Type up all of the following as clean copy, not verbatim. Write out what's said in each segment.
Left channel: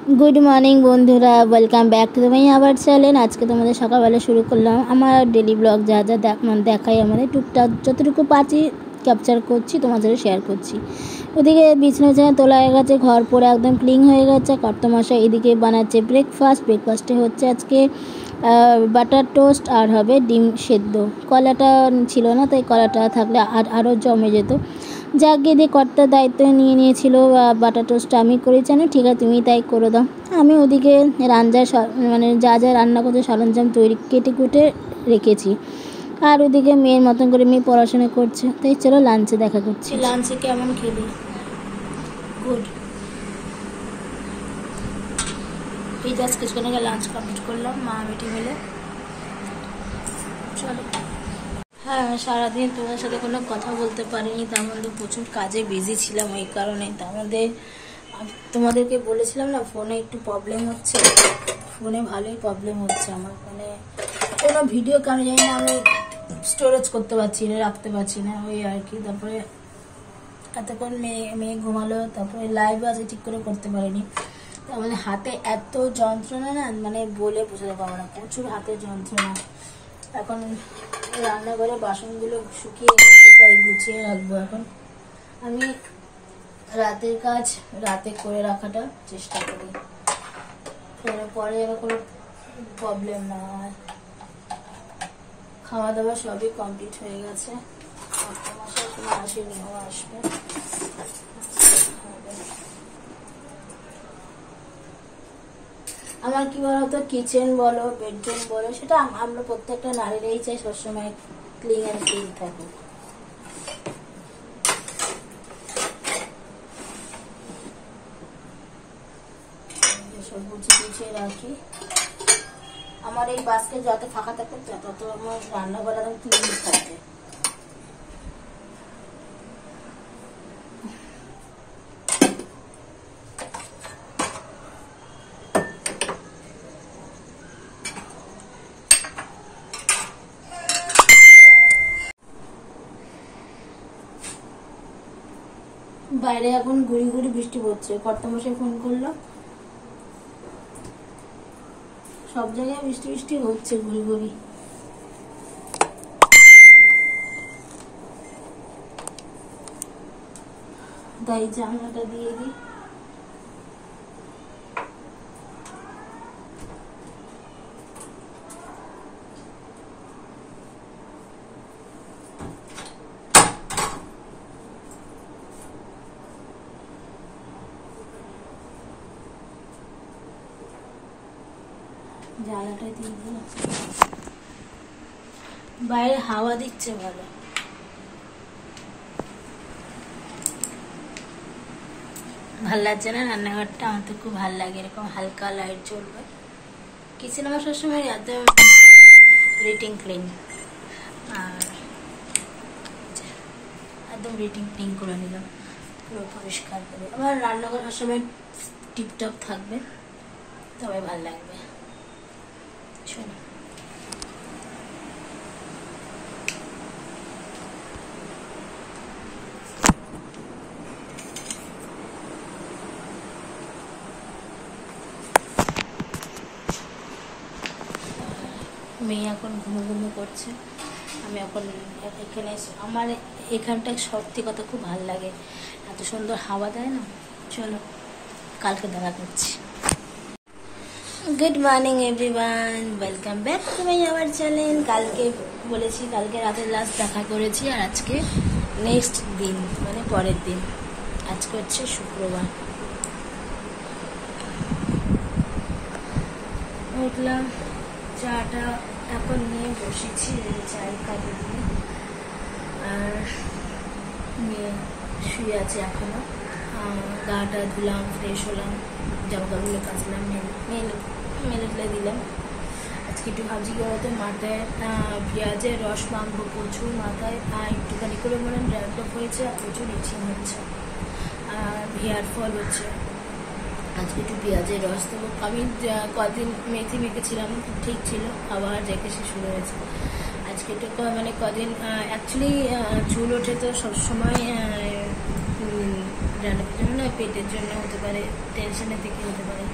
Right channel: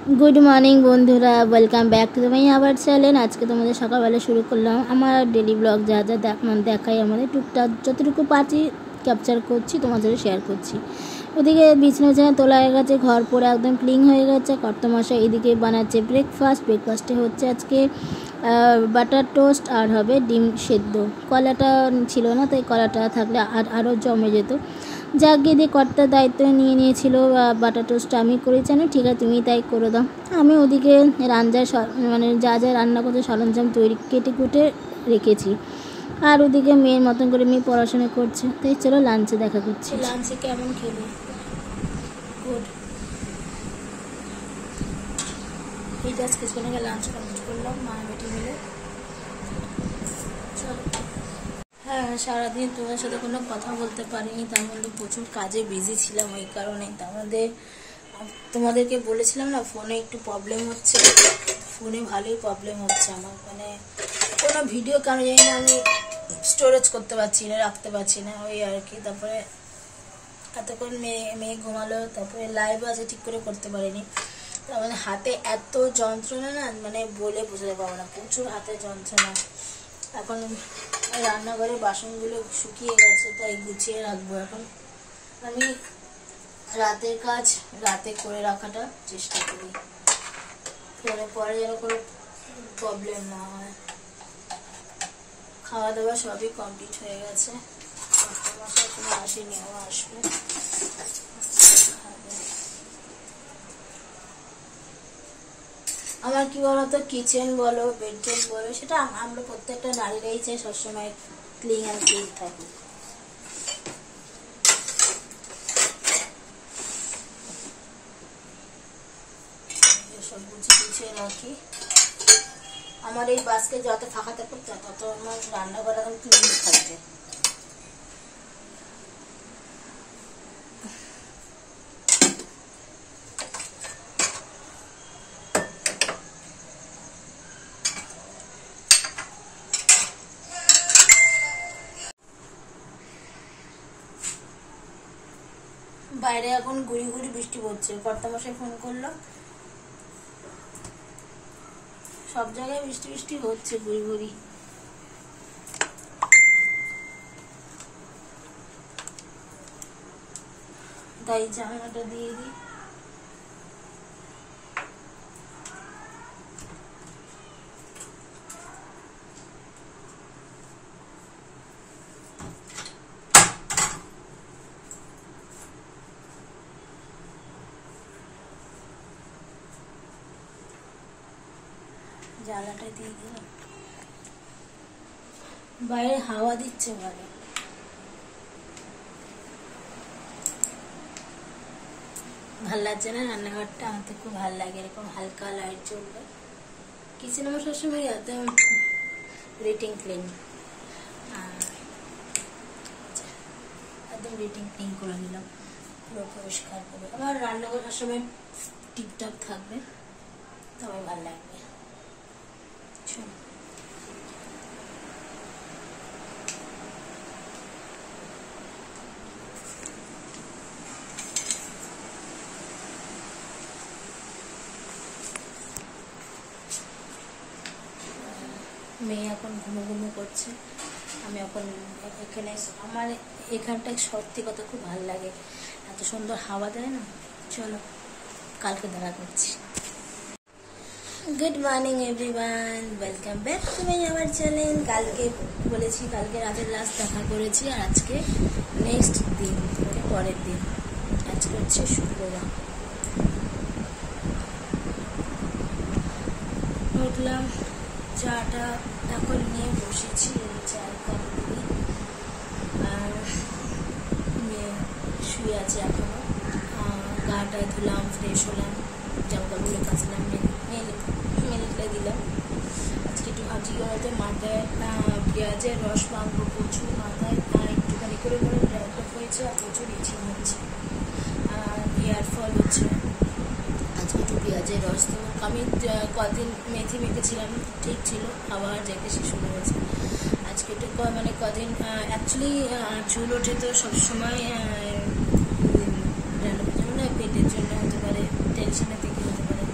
Good morning बंधुरा welcome back to my our channel. आज के तुम्हारे सकाल बेला शुरू करलाम आमार डेली ब्लग जा जा देखाई आमादेर टुकटाक जतटुकु पाচ্ছি ক্যাপচার করছি তোমাদের শেয়ার করছি। ওদিকে বিছানা তোলা হয়ে গেছে, ঘর পরে একদম ক্লিন হয়ে গেছে। কর্তামশাই এদিকে বানাচ্ছে ব্রেকফাস্টে হচ্ছে আজকে বাটার টোস্ট আর হবে ডিম সেদ্ধ। কলাটা ছিল না, তাই কলাটা থাকলে আরও জমে যেত। যাকে দিয়ে কর্তার দায়িত্ব নিয়ে নিয়েছিল বাটার টোস্টটা আমি করেছি, জানো ঠিক আছে তুমি তাই করে দাও। আমি ওদিকে মানে যা যা রান্না করছে সরঞ্জাম কেটে কুটে রেখেছি। আর ওদিকে মেয়ের মতন করে মেয়ে পড়াশোনা করছে। তাই চলো লাঞ্চে দেখা করছি। লাঞ্চে কেমন খেলি? গুড। এই জাস্ট কিছুক্ষণ আগে লাঞ্চ কমপ্লিট করলাম মা বেটি মিলে। চলো। হ্যাঁ, সারাদিন তোমাদের সাথে কোনো কথা বলতে পারিনি, তার মধ্যে প্রচুর কাজে বিজি ছিলাম। ওই কারণে তার মধ্যে তোমাদেরকে বলেছিলাম না ফোনে একটু প্রবলেম হচ্ছে। ফোনে ভালোই প্রবলেম হচ্ছে আমার, মানে কোনো ভিডিও কেন জানি না আমি স্টোরেজ করতে পারছি না, রাখতে পারছি না, ওই আর কি। তারপরে এতক্ষণ মেয়ে ঘুমালো, তারপরে লাইভ আছে ঠিক করে করতে পারিনি। তার মানে হাতে এত যন্ত্রণা না, মানে বলে বোঝাতে পারবো না, প্রচুর হাতে যন্ত্রণা। এখন রান্নাঘরে বাসনগুলো শুকিয়ে গেছে, তাই গুছিয়ে রাখবো। এখন আমি রাতের কাজ রাতে করে রাখাটা চেষ্টা করি, পরে যেন কোনো প্রবলেম না হয়। খাওয়া দাওয়া সবই কমপ্লিট হয়ে গেছে। আসেনি, আসবে। আমার কি বলতো, কিচেন বলো বেডরুম বলো, সেটা আমরা প্রত্যেকটা নারীরাই চাই সবসময় ক্লিন অ্যান্ড ক্লিন থাকুক। সব গুছিয়ে রাখি। আমার এই বাস্কেট যত ফাঁকা থাকে তত আমার রান্নাঘর একদম ক্লিন থাকে। বাইরে এখন গুড়ি গুড়ি বৃষ্টি পড়ছে। কর্তামশাই ফোন করলো, সব জায়গায় বৃষ্টি বৃষ্টি হচ্ছে গুড়ি গুড়ি। তাই জানলাটা দিয়ে দিই। জানলাটা দিয়ে দিলাম, বাইরে হাওয়া দিচ্ছে ভালো। ভাল লাগছে না রান্নাঘরটা? আমার তো খুব ভাল লাগে, এরকম হালকা লাইট জ্বলবে। কিচেন আমার সবসময় একদম রেটিং ক্লিন, আর একদম রেটিং ক্লিন করে নিলাম, পুরো পরিষ্কার করে। আমার রান্নাঘর সবসময় টিপটপ থাকবে, তবে ভাল লাগবে। চলো। মেয়ে এখন ঘুমো করছে। আমি এখন এখানে, আমার এখানটা সত্যি কথা খুব ভালো লাগে, এত সুন্দর হাওয়া দেয় না। চলো কালকে দেখা করছি। Good morning everyone, welcome back to my our channel. কালকে বলেছি কালকে রাতের লাস্ট দেখা করেছি, আর আজকে নেক্সট দিন মানে পরের দিন। আজকে হচ্ছে শুক্রবার। উঠলাম, চাটা এখন নিয়ে বসেছি, চাই খাইয়ে দিয়ে। আর শুয়ে আছে এখনো। গাটা ধুলাম, ফ্রেশ হলাম, জামা কাপড়গুলো কাচলাম, মেলে দিলাম। আজকে একটু ভাবছি কি বলতো, মাথায় পেঁয়াজের রস মাখবো প্রচুর, মাথায় একটুখানি করে মনে ড্যান্ড্রফ হয়েছে, আর প্রচুর ইচিং হচ্ছে, হেয়ার ফল হচ্ছে। আজকে একটু পেঁয়াজের রস দেবো। আমি কদিন মেথি মেখেছিলাম, ঠিক ছিল, আবার রেখেছি শুরু হয়েছে। আজকে একটু মানে কদিন অ্যাকচুয়ালি চুল ওঠে তো সবসময় পেটের জন্য হতে পারে, টেনশনের থেকে হতে পারে।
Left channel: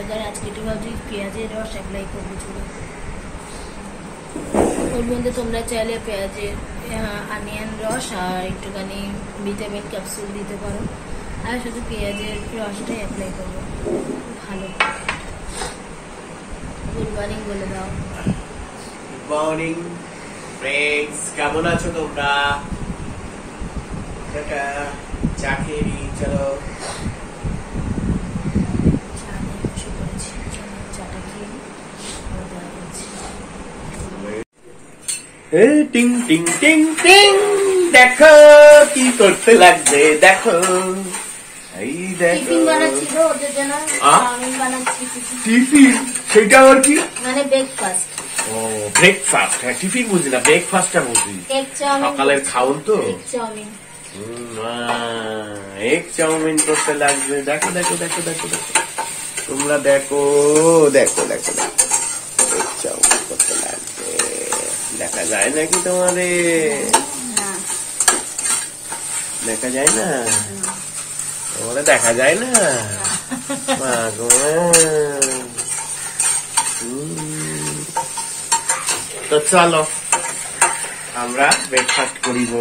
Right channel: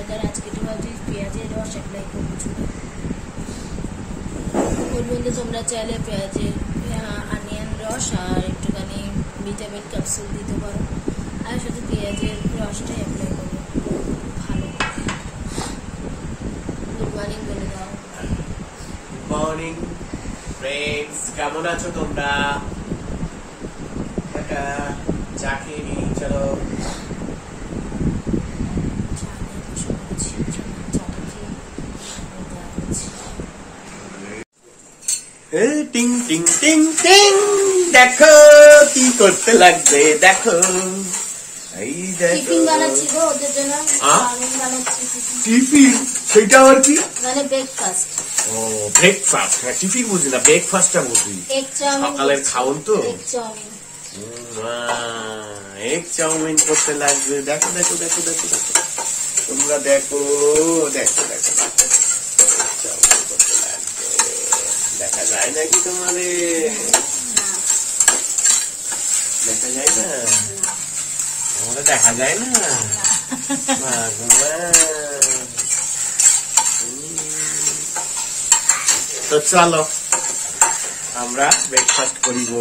এবার আজকে একটু ভাবছি পেঁয়াজের রস অ্যাপ্লাই করবো চুলে। ওর মধ্যে তোমরা চাইলে পেঁয়াজের অনিয়ন রস আর একটুখানি ভিটামিন ক্যাপসুল দিতে পারো, আর শুধু পেঁয়াজের রসটাই অ্যাপ্লাই করবো, ভালো। গুড মর্নিং বলে দাও। মর্নিং ফ্রেন্ডস, কেমন আছো তোমরা? চা খেয়ে নি, চলো। চা নিয়ে বসে পড়েছি, চাটা খেয়ে টিং টিং টিং টিং, দেখো কি করতে লাগবে, দেখো এই দেখো। টিফিন, সেটা আবার কি? মানে ব্রেকফাস্ট। ও ব্রেকফাস্ট, হ্যাঁ টিফিন বুঝি না, ব্রেকফাস্টটা বুঝি। সকালের খাওন তো। এগ চাউমিন করতে লাগবে, দেখো দেখো দেখো দেখো দেখো তোমরা, দেখো দেখো দেখো দেখো এগ চাউমিন করতে লাগবে। দেখা যায় নাকি তোমাদের? দেখা যায় না তোমাদের, দেখা যায় না। তো চলো আমরা ব্রেকফাস্ট করিব।